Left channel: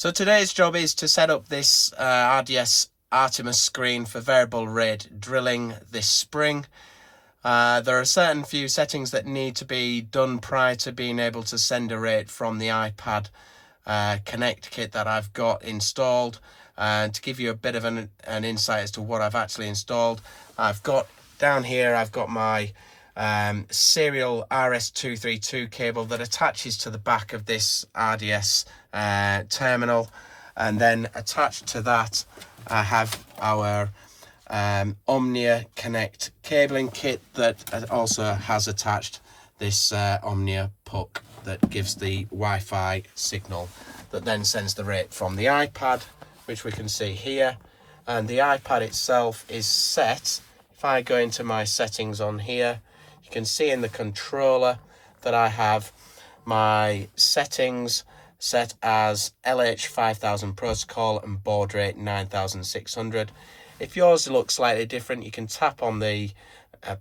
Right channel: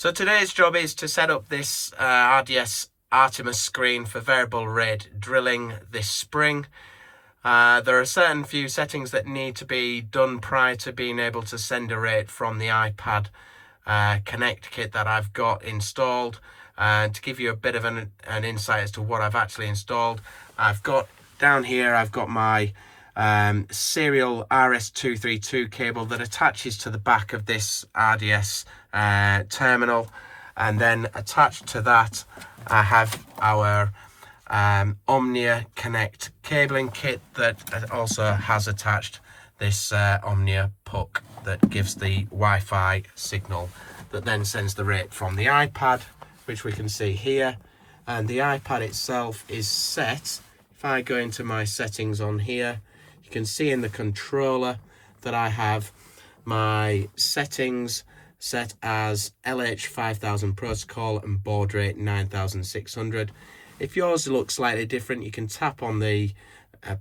So today's job is to set up this RDS Artemis screen for variable rate drilling this spring. There are certain few settings that need to be done prior to being able to send a rate from the iPad Connect kit that I've got installed. To give you a bit of an insight as to what I've actually installed, I've got down here, I've got my serial RS232 cable that attaches to the back of this RDS terminal, and then attached to that I have our Omnia Connect cabling kit that also has attached this Omnia puck that gives the Wi-Fi signal that then sends the rate from the iPad, which we can see here. And the iPad itself is set. If I go into my settings on here, you can see in the controller that I have my settings set as LH 5000 protocol and baud rate 9600. If yours looks slightly different, you can tap on the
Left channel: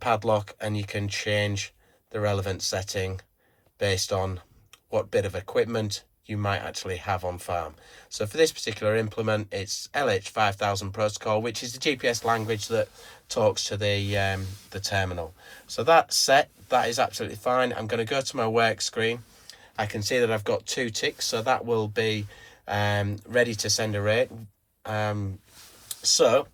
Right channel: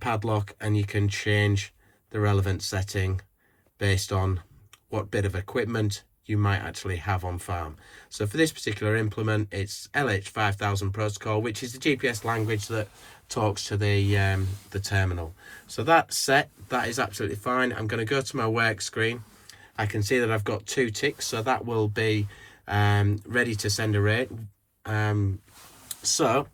padlock and you can change the relevant setting based on what bit of equipment you might actually have on farm. So for this particular implement, it's LH 5000 protocol, which is the GPS language that talks to the terminal. So that's set. That is absolutely fine. I'm going to go to my work screen. I can see that I've got 2 ticks, so that will be ready to send a rate. So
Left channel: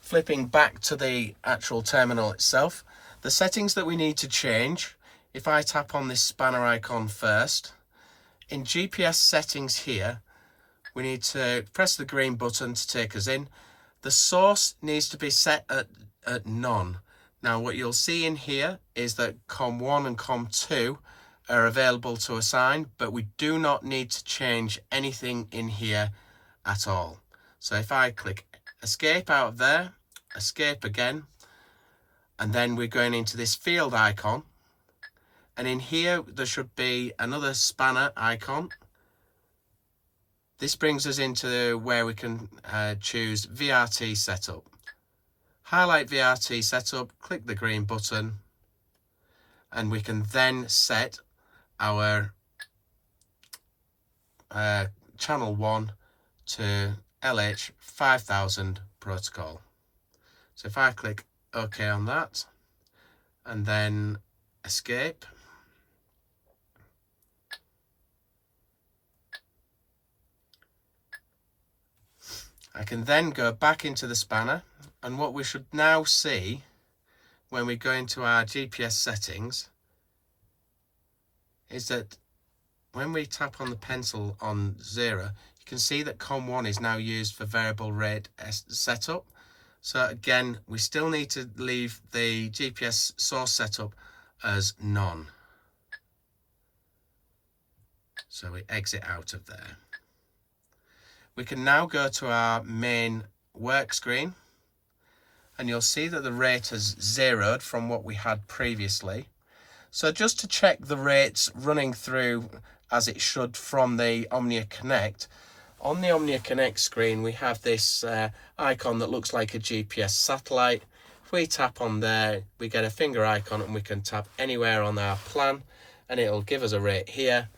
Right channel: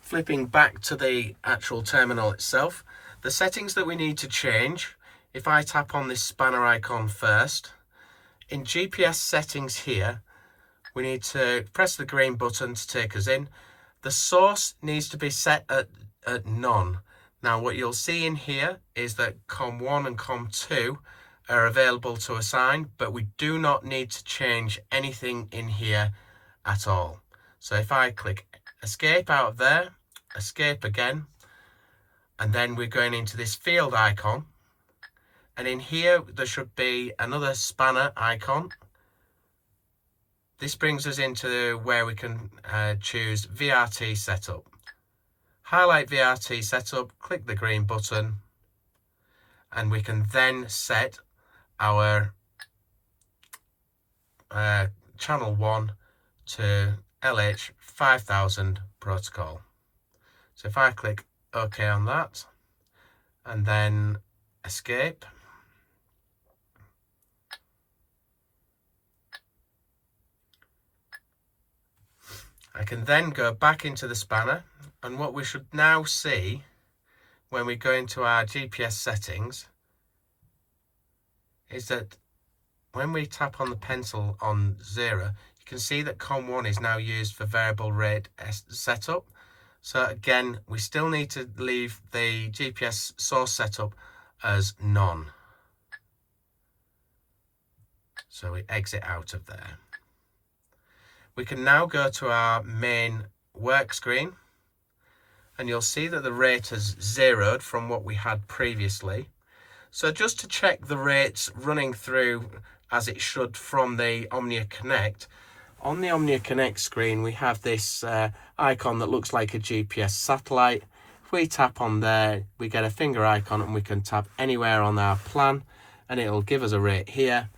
flipping back to the actual terminal itself, the settings that we need to change, if I tap on this spanner icon first, in GPS settings here, we need to press the green button to take us in. The source needs to be set at none. Now what you'll see in here is that COM1 and COM2 are available to assign, but we do not need to change anything in here at all. So if I click escape out of there, escape again, and then we're going into this field icon, and in here there should be another spanner icon. This brings us into where we can choose VRT setup. Highlight VRT setup, click the green button, and we can then set our channel 1 to LH 5000 protocol. So if I click OK on that and then escape, I can then go back into the spanner, and what we should now see when we go into our GPS settings is that when we tap on the pencil on 0, you can see that COM1 is now used for variable rate setup. So again, we still need to leave the GPS source setup as none. So we exit out of there. We can now go to our main work screen, and you'll see that the rate has zeroed from what we had previously. So just to check the rates running through as it should from the Omnia Connect, on the Omnia Connect screen we have this icon that looks like a GPS satellite. If we tap on there, we get a finger icon, and we can tap anywhere on our plan and it'll give us a rate here,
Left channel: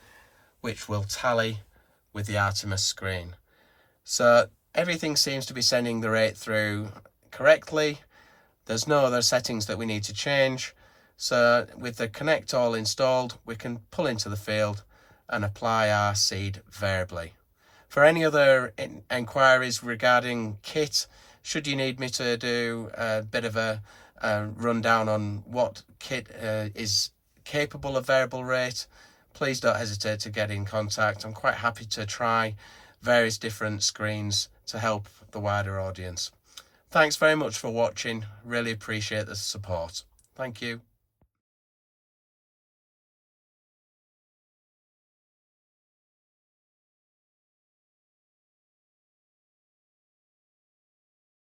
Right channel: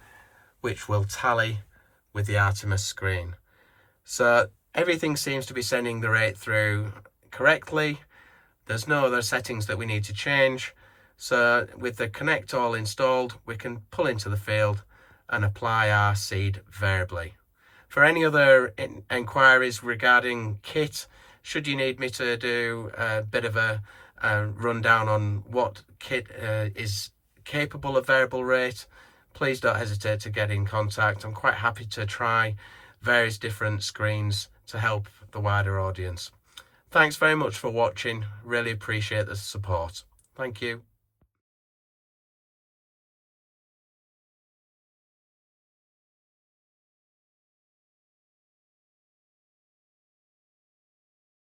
which will tally with the Atemis screen. So everything seems to be sending the rate through correctly. There's no other settings that we need to change. So with the Connect all installed, we can pull into the field and apply our seed variably. For any other inquiries regarding kit, should you need me to do a bit of a rundown on what kit is capable of variable rate, please don't hesitate to get in contact. I'm quite happy to try various different screens to help the wider audience. Thanks very much for watching. Really appreciate the support. Thank you.